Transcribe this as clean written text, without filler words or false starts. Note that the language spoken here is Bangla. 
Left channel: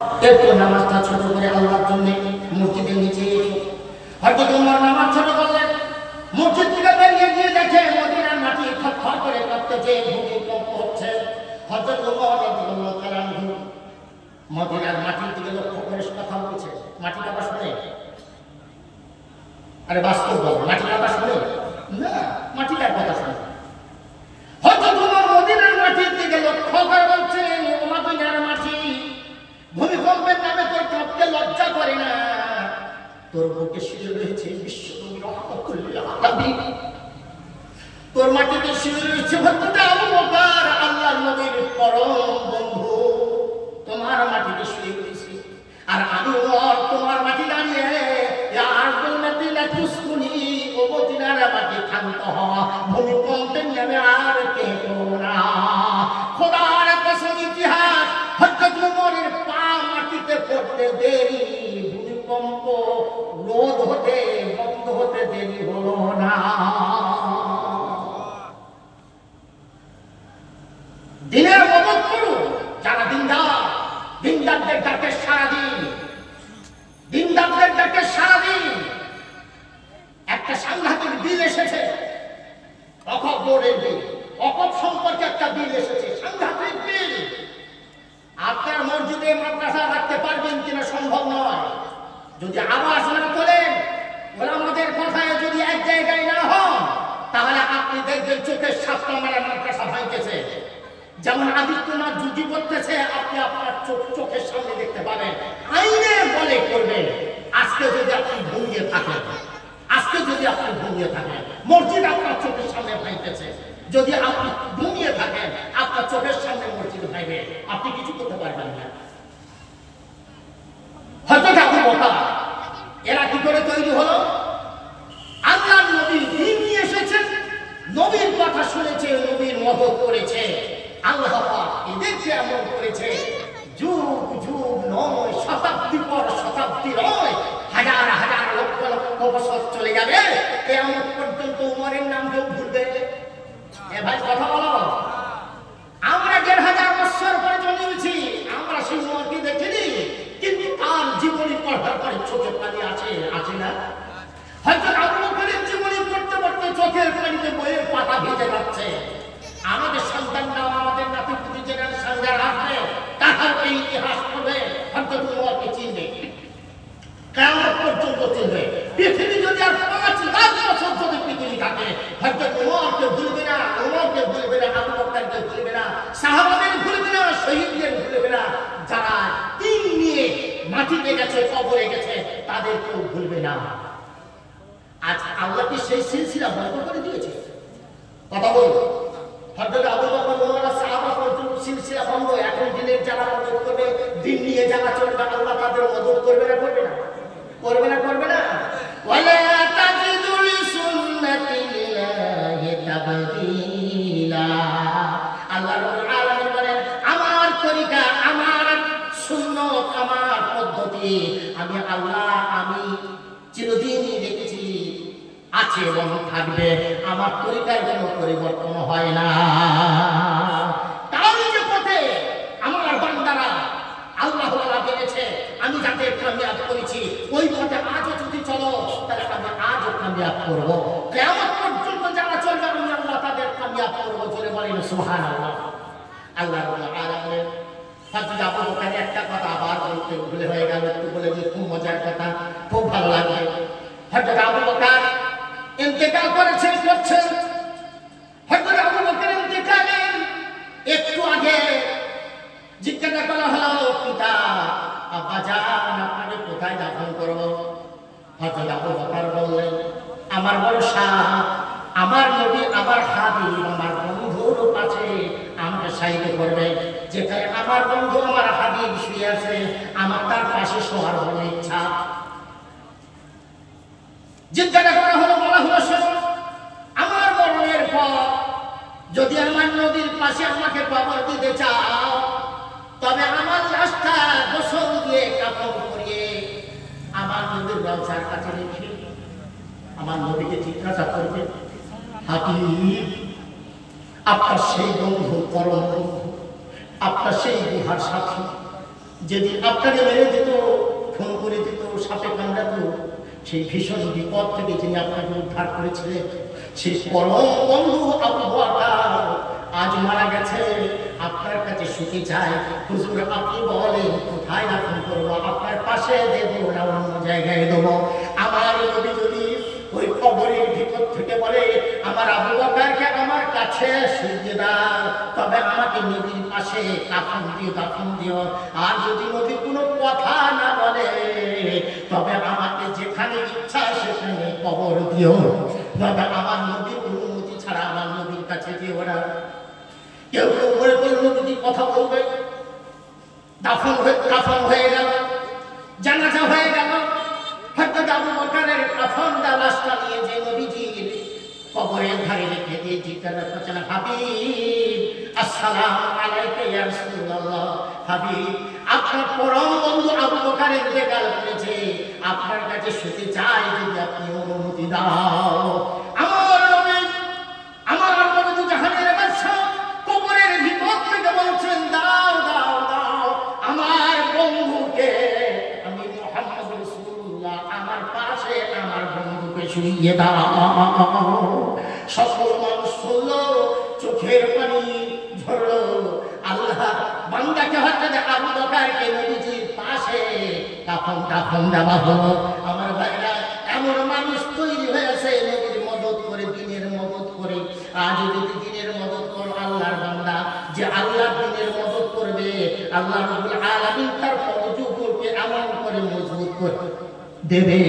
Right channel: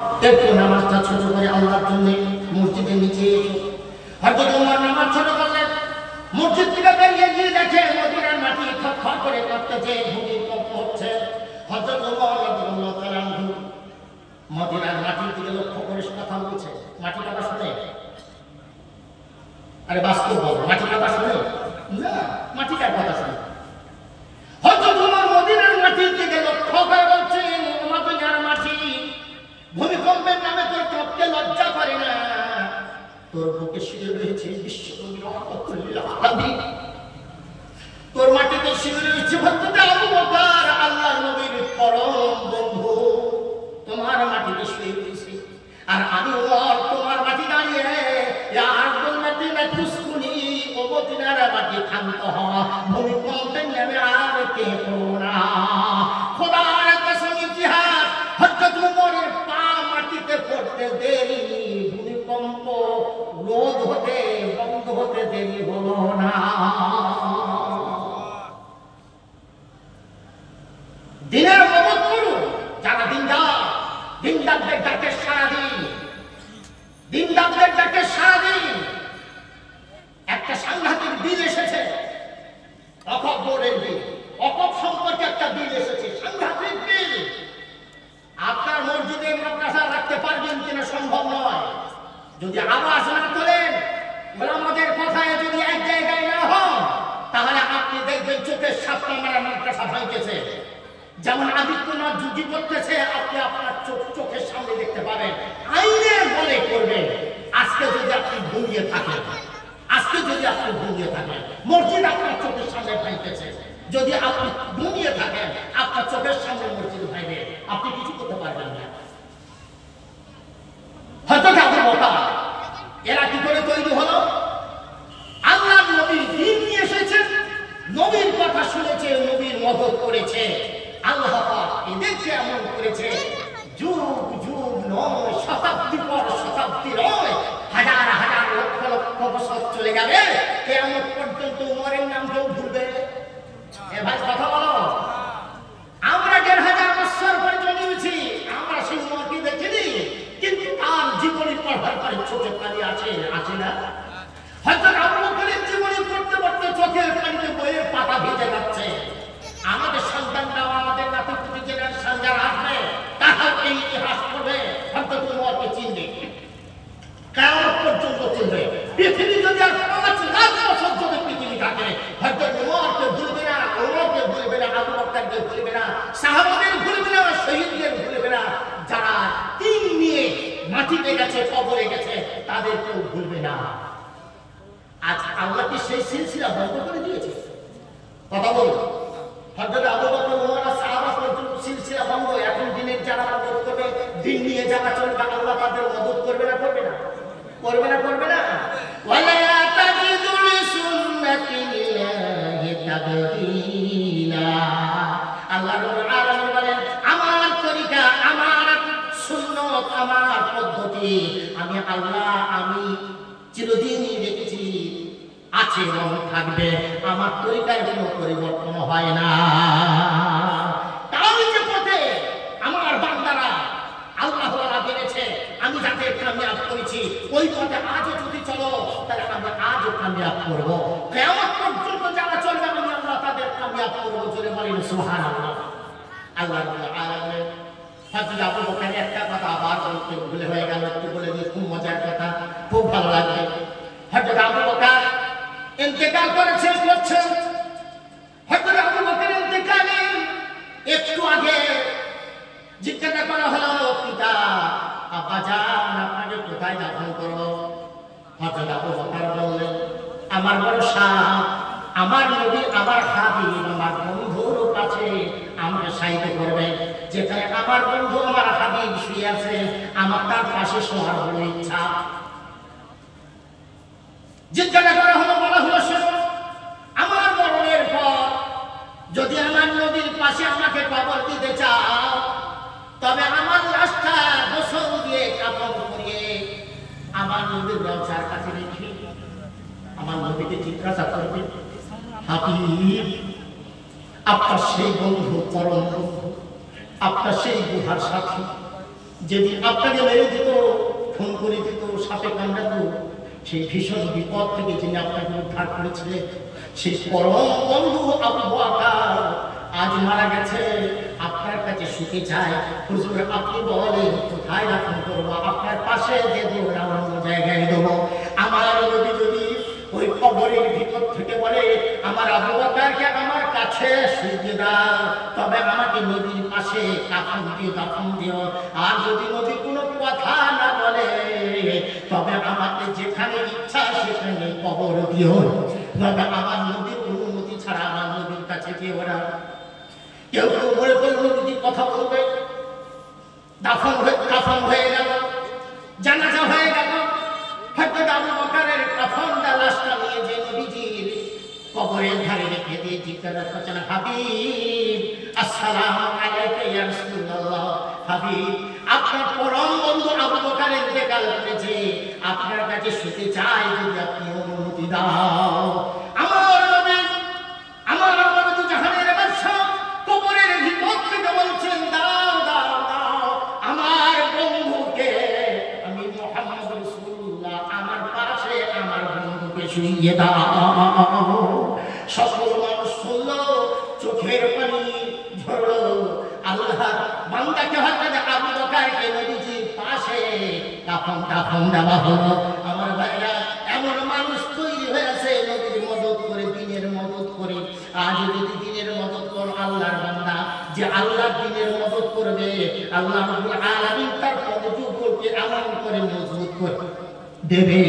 একটু নামাজটা ছোট করে আল্লাহর জন্য মসজিদের নিচে হয়তো তোমার নামাজ ছোট করলেন, মসজিদ থেকে বেরিয়ে গিয়ে দেখে মদিনার মাটি খটখট করে কাঁপতেছে, ভূমিকম্প হচ্ছে। হযরত ওমর রাদিয়াল্লাহু তাআলা আনহু মদিনার মাটির দিকে লক্ষ্য করে কথা বলছে। মাটি কথা শুনে? আরে বাস্তব বলো, মাটি কথা শুনে না? মাটিটার কথা শুনে। হযরত ওমর মদিনার মাটির দিকে লক্ষ্য করে বলছেন, ও মদিনার মাটি, ভূমিকম্পের নামে তোর কাঁপতে লজ্জা করে না? তোর বুকে শুয়ে রয়েছে বিশ্বনবী রাহমাতুল্লিল আলামিন, তোর মাটিতে শুয়ে রয়েছে হযরত আবু বকর আল্লাহর নবীর পরম বন্ধু, তোমার মাটিতে শুয়ে রয়েছে। আর আমি ওমর তোমার মাটি দাঁড়িয়ে ইয়া আরদুল মাদিনা তুসকুনি, ও মদিনার মাটি শান্ত হওয়া, ভূমিকম্পের নামে আর কেঁপো না। খোদার কসম, ইতিহাস হযরত ওমরের পা মাটিতে পড়তে দেরি, ভূমিকম্প রোধ হতে বন্ধ হতে দেরি হলো না। দিনের মদত করুন যারা দিনদার, দিনদারদের ডাকে সারাদিন, দিনদারদের ডাকে সারাদিন। একটা সাংঘাতিক বিল এসেছে, অকপ বোর্ডের বিল, অকপ সম্পর্কে একটা বিল এসেছে, সাংঘাতিক বিল। আপনার মসজিদে মাদ্রাসা রাখতে পারবেন কিনা সম্ভব নয়। যদি আওয়াজ না তোলেন, ওলামাদের কথায় যদি এক জায়গায় না হন, তাহলে আপনি দেখবেন চোখের সাতটা মারা মাদ্রাসা ভাঙতেছে। যেমন আদিত্যনাথ যুদ্ধি করতেছে, আপনি আপনার চোখের সামনে দেখতে পাবেন। আইনে বলে করবেন। আজকে যদি আপনি ঘুমিয়ে থাকেন, আজকে যদি আপনি ঘুমিয়ে থাকেন, মসজিদ আপনার চোখের সামনে ভাঙতেছে। যদি আপনি ঘুমিয়ে থাকেন, আপনার চোখের সামনে মসজিদ ভাঙবে, আপনি কিছু করতে পারবেন না। হযরত আবু বকর এরা কি করে তৈরি হলো? আল্লাহর নবী দ্বীন নিয়ে এসেছেন, নবীর কথা শুনেছে, নবীর মদত করেছে। আল্লাহ পাক এদেরকে এমন করেছে, যুগ যুগ নয়, শতাব্দী পর শতাব্দী নয়, হাজার হাজার লক্ষ লক্ষ বছর চলে যাবে, কিয়ামত পর্যন্ত উমরের নাম কেউ ভুলবে? এ ভাই কথা বলো। আমরা ১৫০০ বছর পরে জন্মেছি, আমরা সেই উমরকে দেখিনি, কিন্তু তার জীবনী পড়ার পরে চোখে পানি আছে না? হযরত আবু বকরের জীবনী পড়তে পড়তে চোখের পানিতে বইয়ের পাতা ভিজে যাচ্ছে। আমাদের সন্তানরাও, আমাদের নাতি-পুতি জেনারেশন যারা আসবে, তারাও এই ইতিহাস পড়বে, হযরত উমরকে চিনবে, কিয়ামত পর্যন্ত চিনবে। পৃথিবী যদি আর ৫ লাখ বছর যদি পৃথিবী থাকে, হযরত উমরকে ভুলবে না, উমরকে ভুলবে না, আবু বকরকে ভুলবে না, সাহাবাদের ভুলবে না, শহীদদের ভুলবে না, যারা তিন নিয়ে মাটিতে গেছে, কবরে গেছে, তাদেরকেও ভুলবে না। আজ আল্লাহ কি সেই সিলসিলা বন্ধ করে দিয়েছে? কথা বলুন। হযরত আবু বকর, ওমর আর সাহাবা পর্যন্ত সিলসিলা বন্ধ। এখন দিনের যারা মদত করবে, দিন নিয়ে যারা চলবে, আল্লাহ তাদের মদত করবে না? করবে না? করবে না? করবে না? ওয়ালা তাজিদু লিসুন্নাতিল্লাহি তাবদীলা। আল্লাহ রাব্বুল আলামিন বলেন, আমার তরিকা, আমার সুন্নাত, আমার পদ্ধতি আমি আল্লাহ, আমি চিরদিনই রেখেছি, আছে এবং থাকবে। আমার তরিকার কোনো পরিবর্তন হয় না। তার যে পথে আমার বান্দারা আল্লাহ ওয়ালা বলেছে, আমি যাতে কামিয়াব করেছি, ওই পথে আজও যদি চলো, তাহলে আমি আজও কামিয়াব করব। কিয়ামত পর্যন্ত যারা চলবে, আমি আল্লাহ তাদের কামিয়াব করব। জোরে বলেন সুবহানাল্লাহ। আল্লাহ রাব্বুল আলামিন হযরত আবু বকরের একটা কথা আবার বলতে ভুলে হয়ে গেল, একটু বলে যে খুব মজার কথা, খুব ভালো লাগবে। হযরত আবু বকর ইন্তেকাল করছেন। হযরত আবু বকরের ইন্তেকালের একটু আগে জিজ্ঞাসা করা হলো, পিতা, আব্বাজান, আপনাকে কোথায় দাফন করব? হযরত আবু বকর বললেন, আমার বড় শাহ, আমার নবী, আমার হাবিব, আমার বন্ধুর কাছে আমাকে সাহিত্য করবে। যেখানে আমার বন্ধু, আমার হাবিব শুয়ে আছে, আমার তার পাশে শোয়ার বড় ইচ্ছা। জিজ্ঞাসা করা হলো, বলা হলো, শোনো, আমার মরণের পর যদি আমার নবীর পাশে আমাকে কবর দিতে চাও, তবে আমার লাশটা গোসল দিয়ে, কাপড় পরিয়ে আমার নবীর রওজার কাছে রেখে আমার নবীকে জিজ্ঞাসা করবে, হাবিব, আপনার সেই বন্ধু, পরম বন্ধু, আপনার সেই গুহার সাথী, যদি আপনাকে মেরে দিত, খুন করে দিত, সাপে কামড়াত, সেই ভীষণ বিপদ থেকে যিনি আপনাকে উদ্ধার করেছিলেন, সেই পরম বন্ধু আবু বকর আজ মারা গেছে, আপনার কাছে শুতে চায়। হুজুর আপনি বলেন কোথায় দাফন করবো? আপনার পাশে দেবো না অন্য জায়গায় দেবো? আমার নবী যদি ওই কবরের ভিতর থেকে বলে আমার আবু বকরকে আমার কাছে শুতে দাও, তবে আমাকে নবীর পাশে কাফন দিও, দাফন দিও। আর যদি নবী কোনো কথা না বলে, তবে আমাকে যেখানে ইচ্ছা সেখানে কবর দিও, তবে আমার নবীর অনুমতি ছাড়া আমার নবীর কাছে দিও না। কেউ কেউ মনে করলো নবীজি কথা বলবে, কাফন হয়ে গেল, জানাজা হয়ে গেল, হযরত আবু বকরের কাফনটা লাশটা নিয়ে যে নবীজির কবরের ধারে রেখে দিয়ে জিজ্ঞাসা করছেন, হাবিব আসসালামু আলাইকা ইয়া রাসূলুল্লাহ, হাবিব আপনার পরম বন্ধু আবু বকর ইন্তেকাল করেছে, আপনার কাছে শুতে চাই, যদি আপনি অনুমতি দাও। আমার নবী তো জাহানের বাদশা, কবরের ভিতর থেকে বলছেন দাও দাও দাও, আমার বন্ধুকে, আমি মুহাম্মদ রাসূলুল্লাহ, আমার পাশে আমার বন্ধুকে শুইয়ে দাও। সকল মানুষ শুনলো, চোখের পানি ঝরলো। আল্লাহ বান্দাকে হযরত আবু বকরকে নবীজির পাশে কাফন দেওয়া হলো। আমার ভাইরা, এমন মানুষ তৈরি হয়েছে নবীর মদদ করে, দিনের মদদ করে। আজ যদি দিনের মদদ করো আল্লাহর বান্দা, যে আল্লাহর দিনের মদদ করবে, আল্লাহ রাব্বুল আলামিন তার পদযুগকে এমন করে মজবুত করে দেবে।